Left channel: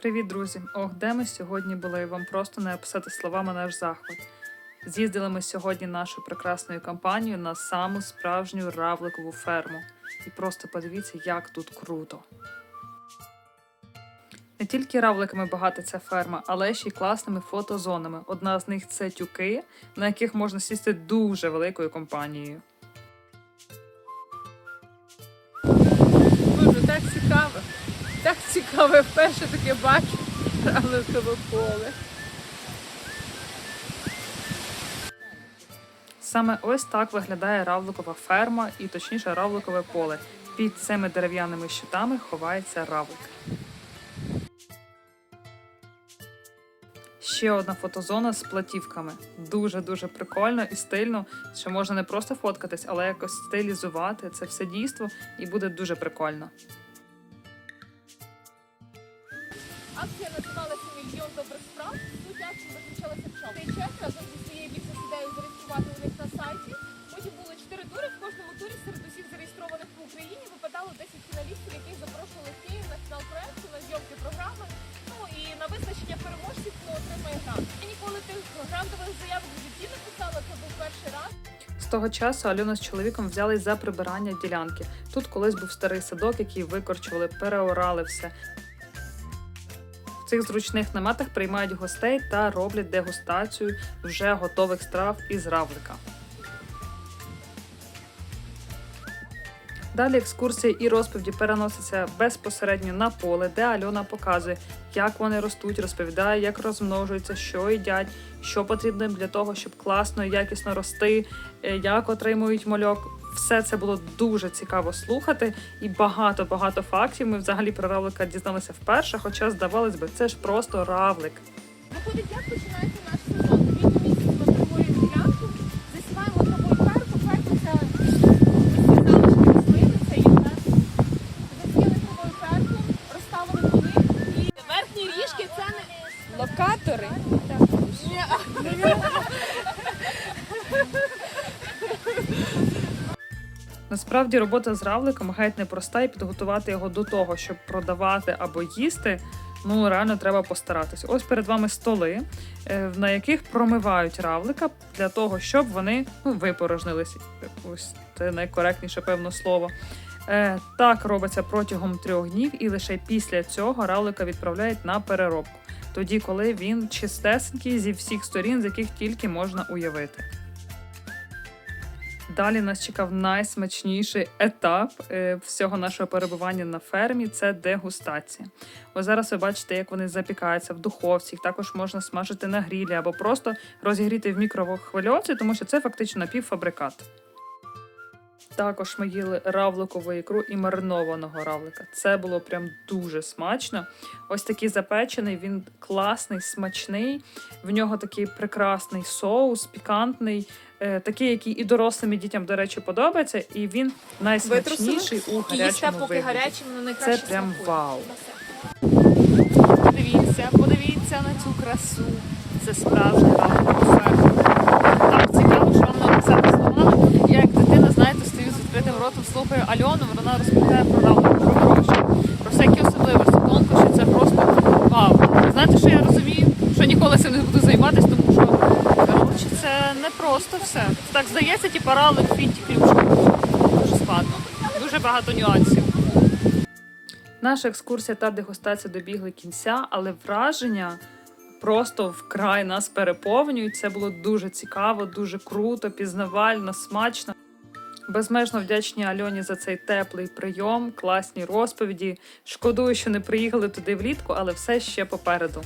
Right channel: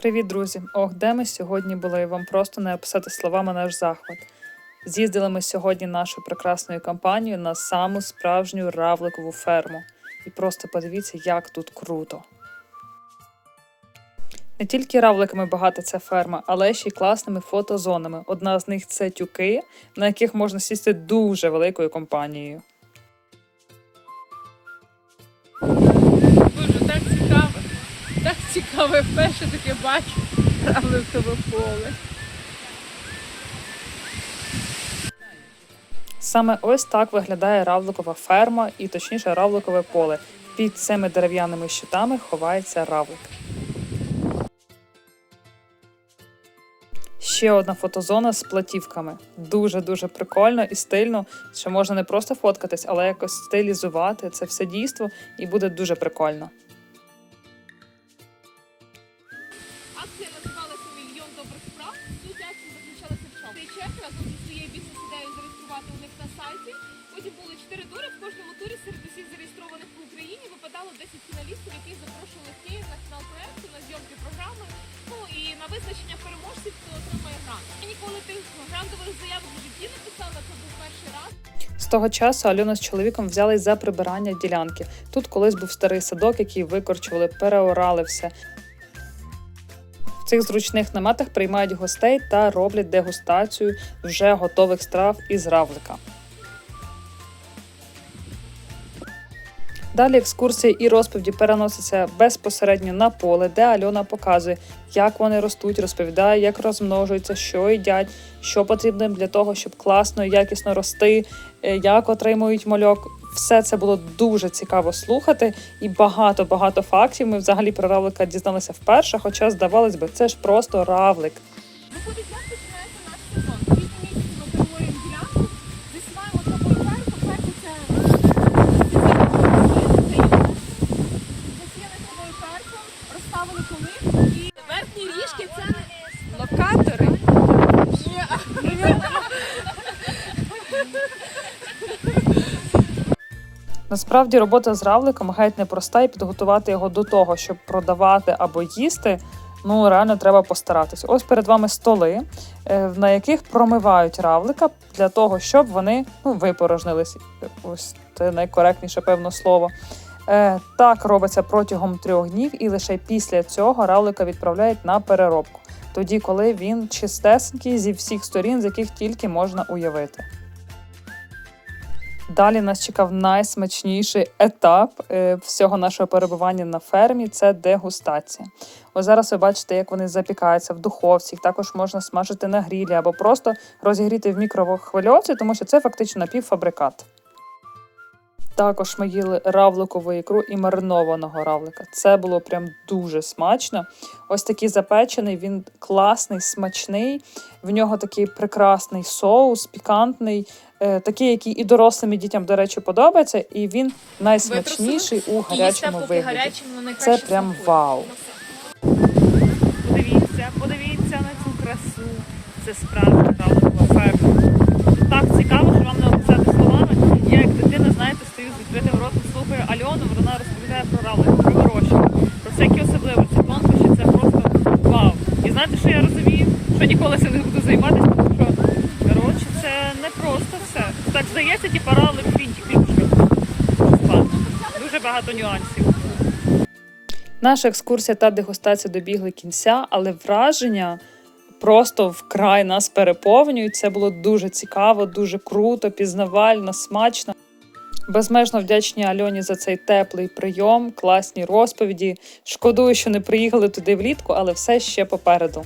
Привіт, друзі! Ох, де ми сьогодні були? Вам просто не описати словами наш захват. З'їздили ми сьогодні нашою прекрасною компанією на саму справжню равликову ферму. І просто подивіться, як тут круто. Не тільки равликами багата ця ферма, але ще й класними фотозонами. Одна з них це тюки, на яких можна сісти дуже великою компанією. Так цікаво, вперше таке бачу. Тебе поле. Саме ось так виглядає равликова ферма і точніше равликове поле. Під цими дерев'яними щитами ховається равлик. Ще одна фотозона з платівками. Дуже-дуже прикольно і стильно, що можна не просто фоткатись, але якось стилізувати це все дійство і буде дуже прикольно. Разом зі своєю бізнес-ідеєю зареєструвати у них на сайті. Потім були чотири тури. В кожному турі серед усіх зареєстрованих в Україні випадало 10 фіналістів, яких запрошували в Київ на фінал проекту, на зйомки програми. Ну і на визначення переможців, хто отримає грант. Я ніколи тих грантових заявок в житті не писала, це був перший раз. З того часу Альона з чоловіком взялись за прибирання ділянки. Тут колись був старий садок, який викорчували, переорали все. Цих зручних наметах приймають гостей та роблять дегустацію вже готових страв із равлика. Далі екскурсії і розповіді переносяться безпосередньо на поле, де Альона показує, як вони ростуть, розповідає, як розмножуються, що їдять, що потрібно для того, щоб класно і якісно рости, е, як отримують мальок. Все це було дуже цікаво слухати, і багато-багато фактів. Ми взагалі про равлика дізналися вперше, хоча здавалось би, це ж просто равлик. Виходить, як починається Насправді робота з равликом геть непроста, і підготувати його до того, щоб продавати або їсти. Ну реально треба постаратись. Ось перед вами столи, е, на яких промивають равлика для того, щоб вони ну, випорожнились. Ось це найкоректніше, певно, слово. Е, Так робиться протягом трьох днів, і лише після цього равлика відправляють на переробку. Тоді, коли він чистесенький зі всіх сторін, з яких тільки можна уявити. Далі нас чекав найсмачніший етап е, всього нашого перебування на фермі це дегустація. Ось зараз ви бачите, як вони запікаються в духовці. Їх також можна смажити на грілі або просто розігріти в мікрохвильовці, тому що це фактично напівфабрикат. Також ми їли равликову ікру і маринованого равлика. Це було прям дуже смачно. Ось такий запечений, він класний, смачний. В нього такий прекрасний соус, пікантний, такий, який і дорослим і дітям, до речі, подобається. І він найсмачніший у гарячому вигляді. Це прям вау. Подивіться, подивіться на цю красу. Це справжня равликова. Так цікаво, що вам не описати словами. Я як дитина, знаєте, стою з відкритим ротом, слухаю Альону, вона розповідає про равлик, про всякі особливості, тонкощі, це просто вау. І знаєте, що я розумію? Що ніколи цим не буду займатися, тому що коротше, це не просто все. Так здається, типу равлик фінтик плюшка. Дуже складно. Дуже багато нюансів. Наша екскурсія та дегустація добігли кінця, але враження просто вкрай нас переповнюють. Це було дуже цікаво, дуже круто, пізнавально, смачно. Безмежно вдячні Альоні за цей теплий прийом, класні розповіді. Шкодую, що не приїхали туди влітку, але все ще попереду.